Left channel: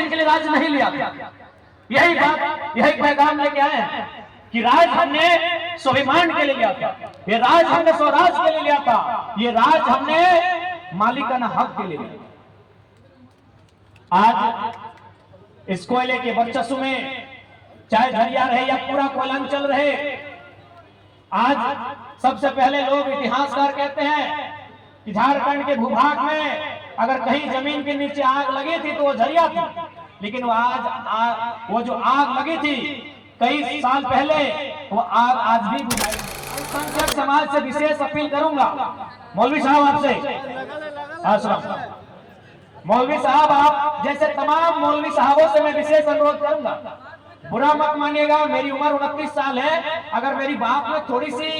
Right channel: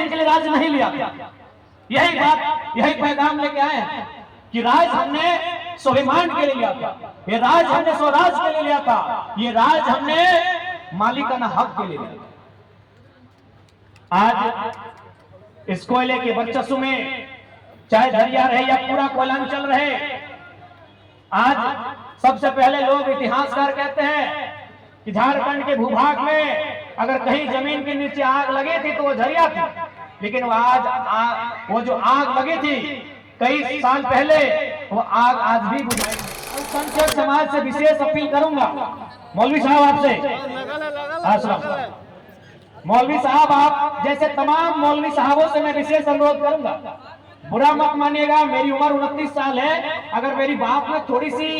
दिन के लिए राज नहीं लिया था। यही बात, यही पैगाम लेके आए हैं कि राज हमने स्वाभिमान के लिए लिया था, ये राज हमने स्वराज के लिए लिया था, ये राज हमने मालिकाना हक के लिए लिया। आज इस कोयले के वर्चस्व में चाहे झरिया रहे या पूरा कोयलांचल रहे, आज सबसे पहले लोग इतिहासकार कहते हैं कि झारखंड के भूभाग में अगर कहीं जमीन के नीचे आग लगी थी तो वो झरिया थी, लेकिन वो जो आग लगी थी कई साल पहले, वो आग आज भी बुझाई। अल्पसंख्यक समाज से विशेष अपील करूंगा, मौलवी साहब आपसे, मौलवी साहब आप जैसे तमाम मौलवी साहबों से मैं विशेष अनुरोध करूंगा, बुरा मत मानिएगा, मेरी उम्र 29 साल है, अगर मेरी बात में थोड़ी सी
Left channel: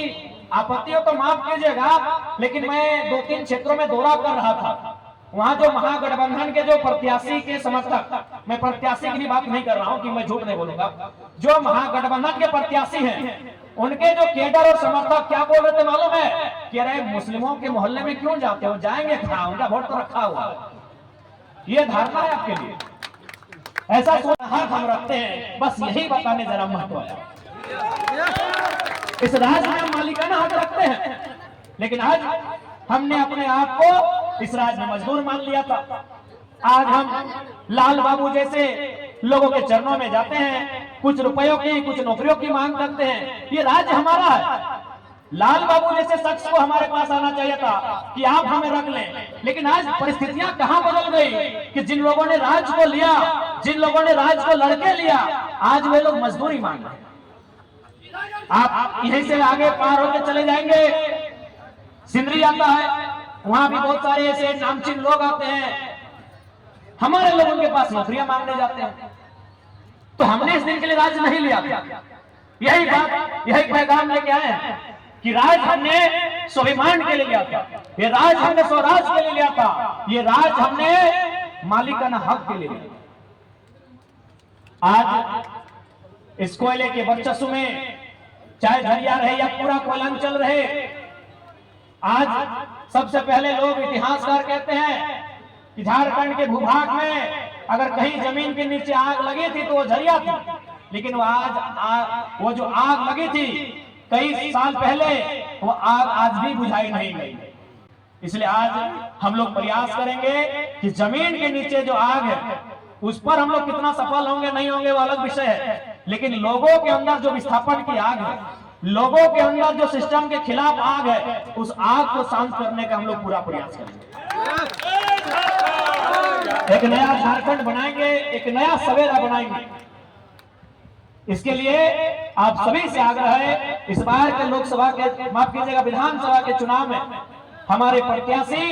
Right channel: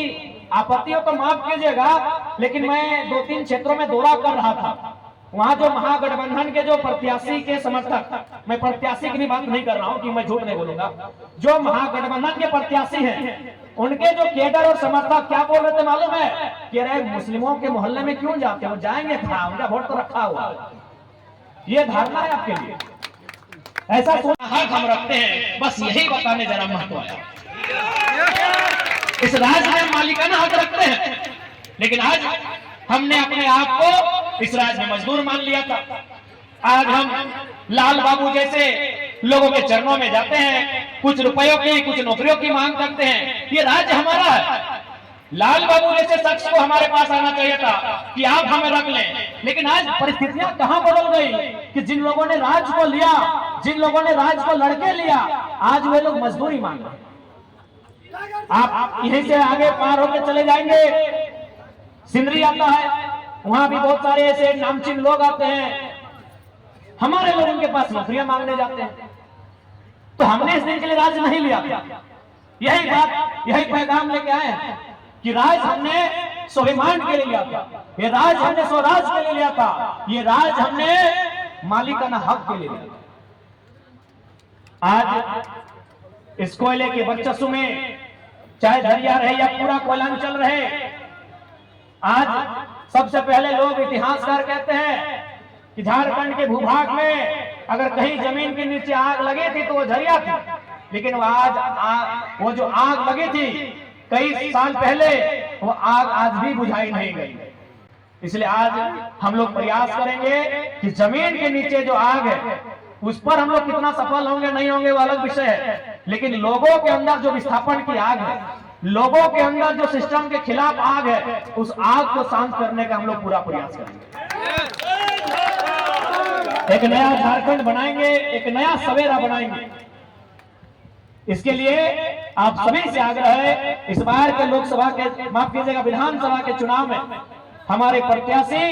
आपत्ति हो तो माफ कीजिएगा, लेकिन मैं 2-3 क्षेत्रों में दौरा कर रहा था, वहां जो महागठबंधन के जो प्रत्याशी के समर्थक, मैं प्रत्याशी की भी बात नहीं कर रहा हूं कि मैं झूठ नहीं बोलूंगा, जो महागठबंधन के प्रत्याशी हैं उनके जो केडर और समर्थक क्या बोल रहे थे मालूम है कि अरे मुस्लिमों के मोहल्ले में क्यों जाते हो, जाएंगे था, उनका वोट तो रखा हुआ। ये धारणा है आपके लिए, ऐसा सोचना हक हम रखते हैं, बस यही बताने जरा महत्व है। इस राज्य में मालिकाना हक रखते हैं, लेकिन आज हमने अपने आप को इस राज्य में मजदूर मान लिया था। आज हम लाल बाबू जैसे लोगों के चरणों में जाते हैं, कुछ रुपयों की, कुछ नौकरियों की मांग करते हैं, ये राज्य हमारा है। लाल बाबू जैसे शख्स को हमारे पास आना चाहिए था कि आप हमें रख लें, लेकिन आज परिस्थितियां कहां बदल गई कि जिन लोगों ने राज्य को लिया, जिन लोगों ने राज्य को लड़के लिया, आज वे लोग मजदूरी मांग रहे हैं। आप यहीं से आगे पार होकर चले जाएंगे, सिंदरी आता है, वहां भी बहुत सारे ऐसे नामचीन लोग आते हैं, हमारे लोग उनके पास नौकरियां मांगने जाते हैं। तो हमने इस दिन के लिए राज नहीं लिया था। यही बात, यही पैगाम लेके आए हैं कि राज हमने स्वाभिमान के लिए लिया था, ये राज हमने स्वराज के लिए लिया था, ये राज हमने मालिकाना हक के लिए लिया। आज इस कोयले के वर्चस्व में चाहे झरिया रहे या पूरा कोयलांचल रहे, आज सबसे पहले लोग इतिहासकार कहते हैं कि झारखंड के भूभाग में अगर कहीं जमीन के नीचे आग लगी थी तो वो झरिया थी, लेकिन वो जो आग लगी थी कई साल पहले, वो आग आज भी बुझाई नहीं गई। इसलिए आज हम लोग प्रयास करेंगे कि जमीन के नीचे जो आग है उस पर हम लोग कितना सफल होंगे नहीं होंगे वो अलग विषय है, लेकिन लोगों के अंदर जो विस्थापन की आग है, लोगों के अंदर जो सिस्टम के खिलाफ आग है, उस आग को शांत करने का हम लोग पूरा प्रयास करेंगे। एक नया झारखंड बनाएंगे, एक नया सवेरा बनाएंगे। इसके लिए आप सभी से आग्रह है, इस बार के लोकसभा के, माफ कीजिएगा, विधानसभा के चुनाव में हमारे प्रत्याशी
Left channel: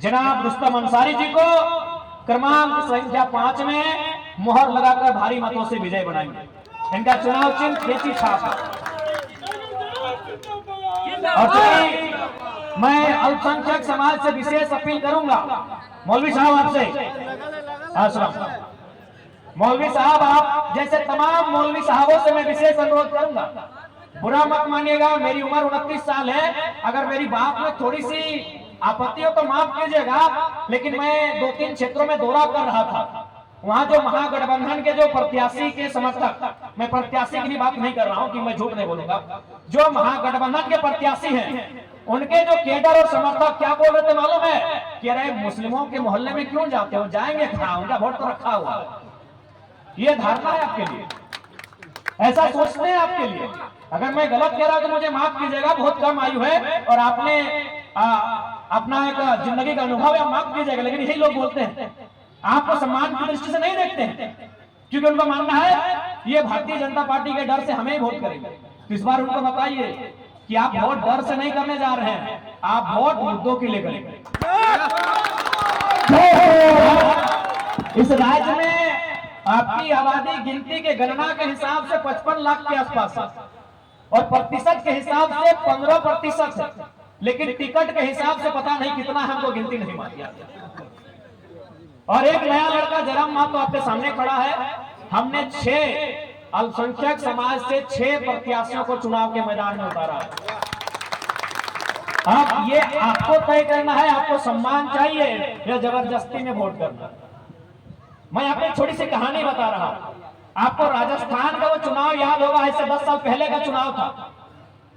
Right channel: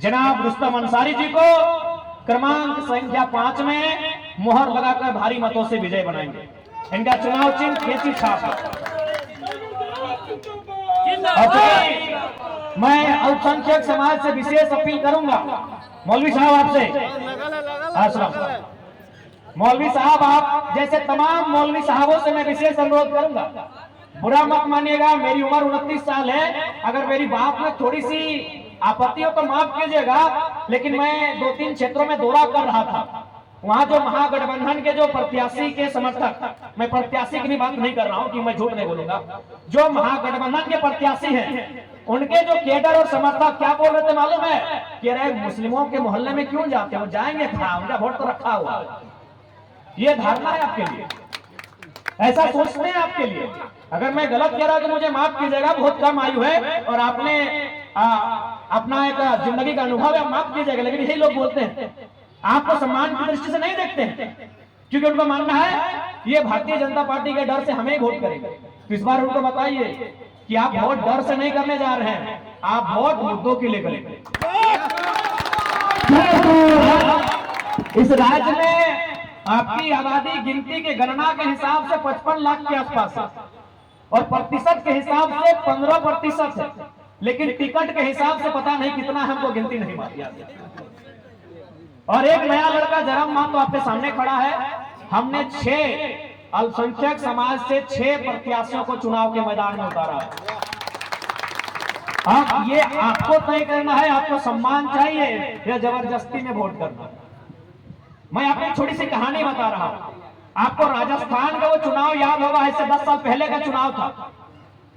जनाब रुस्तम अंसारी जी को क्रमांक संख्या 5 में मोहर लगाकर भारी मतों से विजय बनाएंगे। इनका चुनाव चिन्ह खेती छाप है। मैं अल्पसंख्यक समाज से विशेष अपील करूंगा, मौलवी साहब आपसे, मौलवी साहब आप जैसे तमाम मौलवी साहबों से मैं विशेष अनुरोध करूंगा, बुरा मत मानिएगा, मेरी उम्र 29 साल है, अगर मेरी बात में थोड़ी सी आपत्ति हो तो माफ कीजिएगा, लेकिन मैं 2-3 क्षेत्रों में दौरा कर रहा था, वहां जो महागठबंधन के जो प्रत्याशी के समर्थक, मैं प्रत्याशी की भी बात नहीं कर रहा हूं कि मैं झूठ नहीं बोलूंगा, जो महागठबंधन के प्रत्याशी हैं उनके जो केडर और समर्थक क्या बोल रहे थे मालूम है कि अरे मुस्लिमों के मोहल्ले में क्यों जाते हो, जाएंगे था, उनका वोट तो रखा हुआ। ये धारणा है आपके लिए, ऐसा सोचते हैं आपके लिए। अगर मैं गलत कह रहा तो मुझे माफ कीजिएगा, बहुत कम आयु है और आपने अपना एक जिंदगी का अनुभव है, माफ कीजिएगा, लेकिन यही लोग बोलते हैं, आपको सम्मान की दृष्टि से नहीं देखते हैं, क्योंकि उनका मानना है ये भारतीय जनता पार्टी के डर से हमें वोट करेंगे। इस बार उनको बताइए कि आप वोट डर से नहीं करने जा रहे हैं, आप वोट मुद्दों के लिए करेंगे। इस राज्य में आपकी आबादी गिनती के गणना के हिसाब से 55 लाख के आसपास है और प्रतिशत के हिसाब से 15% है, लेकिन टिकट के हिसाब से पता नहीं कितना है, हमको गिनती नहीं मालूम। और एक नया लड़का जरम मान तो आपके सामने खड़ा है, हमने 6 अल्पसंख्यक समाज से 6 प्रत्याशियों को चुनाव के मैदान में उतारा है। अब ये आपको तय करना है, आपको सम्मान चाहिए या जबरदस्ती में वोट करना। मैं आपको एक छोटी सी कहानी बता रहा हूं। आपको राजस्थान का वो चुनाव याद होगा, इससे 10 साल पहले का चुनाव था।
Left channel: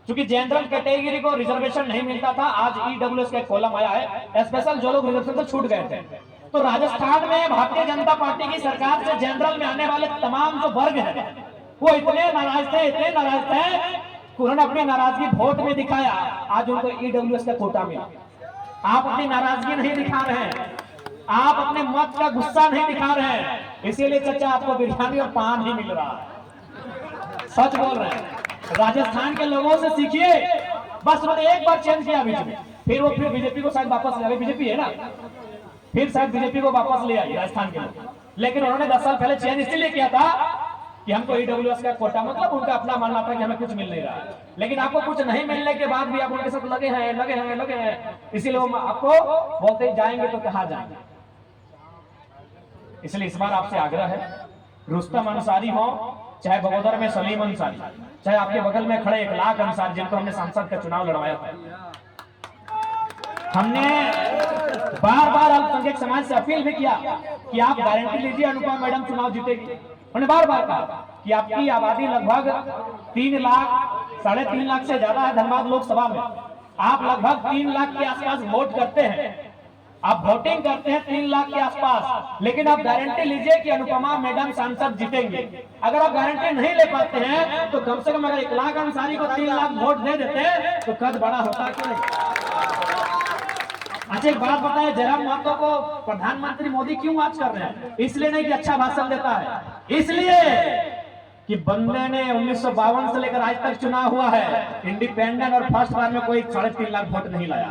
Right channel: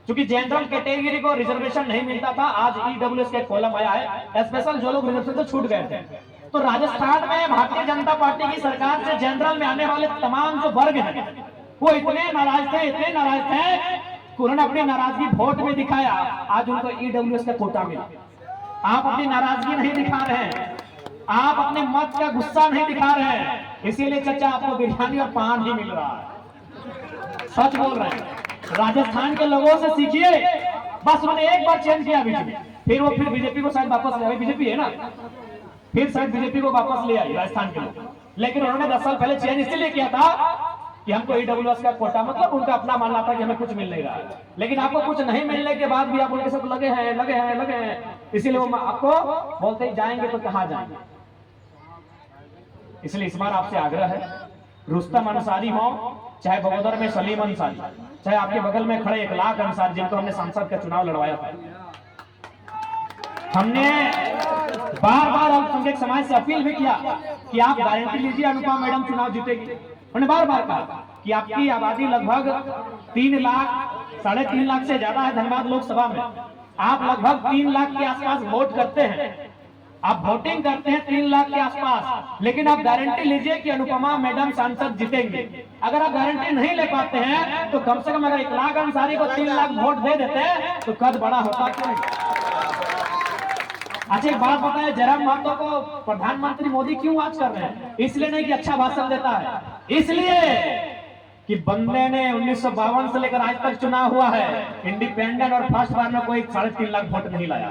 क्योंकि जनरल कैटेगरी को रिजर्वेशन नहीं मिलता था, आज ईडब्ल्यूएस के कॉलम आया है, स्पेशल जो लोग रिजर्वेशन से छूट गए थे। तो राजस्थान में भारतीय जनता पार्टी की सरकार से जनरल में आने वाले तमाम जो वर्ग हैं वो इतने नाराज थे कि उन्होंने अपनी नाराजगी वोट में दिखाया। आज उनको ईडब्ल्यूएस का कोटा मिला। आप अपनी नाराजगी नहीं दिखा रहे हैं, आप अपने मत का गुस्सा नहीं दिखा रहे हैं, इसीलिए चचा आपको बिरयानी और पान ही मिल रहा है। सच बोल रहे हैं। राजस्थान के लोगों से सीखिए। बस उन्होंने एक बार चेंज किया बीच में, फिर बीजेपी को शायद वापस ले आई। बीजेपी है ना, फिर शायद बीजेपी को वापस ले आई राजस्थान के लोग। लेकिन उन्होंने 10 साल पहले चेंज इसलिए किया था कि हमको ईडब्ल्यूएस का कोटा, मतलब उनका अपना मानना था कि हमें कुछ मिल नहीं रहा है। लेकिन आपको कुछ नहीं मिलने के बाद भी आप उनके साथ लगे हैं, इसीलिए वो आपको बोलते जाएंगे तो कहां जाएंगे। इसलिए इस बार आपसे आग्रह है, रुस्तम अंसारी हो, चाहे बगोदर में सलीम अंसारी, चाहे आपके बगल में खड़े 1 लाख अंसारी जिनको हमने सांसद का चुनाव लड़वाया था, हमने बार-बार अल्पसंख्यक समाज से अपील भी किया कि आप गारंटी लीजिए अनुपमा मैडम चुनाव जीतेगी। उन्होंने बार-बार कहा कि आपकी आबादी लगभग 3 लाख, 3.5 लाख से ज्यादा है धनबाद लोकसभा में। आप लगभग 3 लाख के आसपास वोट करते हैं, आप वोटिंग करते हैं 3 लाख के आसपास, लेकिन आप गारंटी लीजिए कि अनुपमा मैडम सांसद जीतेंगे। अगर आप गारंटी नहीं ले पाते हैं तो कम से कम अगर 1 लाख अंसारी को 3 लाख वोट दे देते हैं तो कद बड़ा होता क्यों नहीं। अच्छा एक बात बताएं, जयराम महतो को प्रधानमंत्री मोदी क्यों आज कर रहे हैं? इसलिए नहीं कि अच्छा भाषण देता है, इसलिए कि बंदे ने 1952 से लेकर आज तक चुनाव हुआ है, इंडिपेंडेंट और फर्स्ट बार में कोई 3.5 लाख वोट नहीं लाया।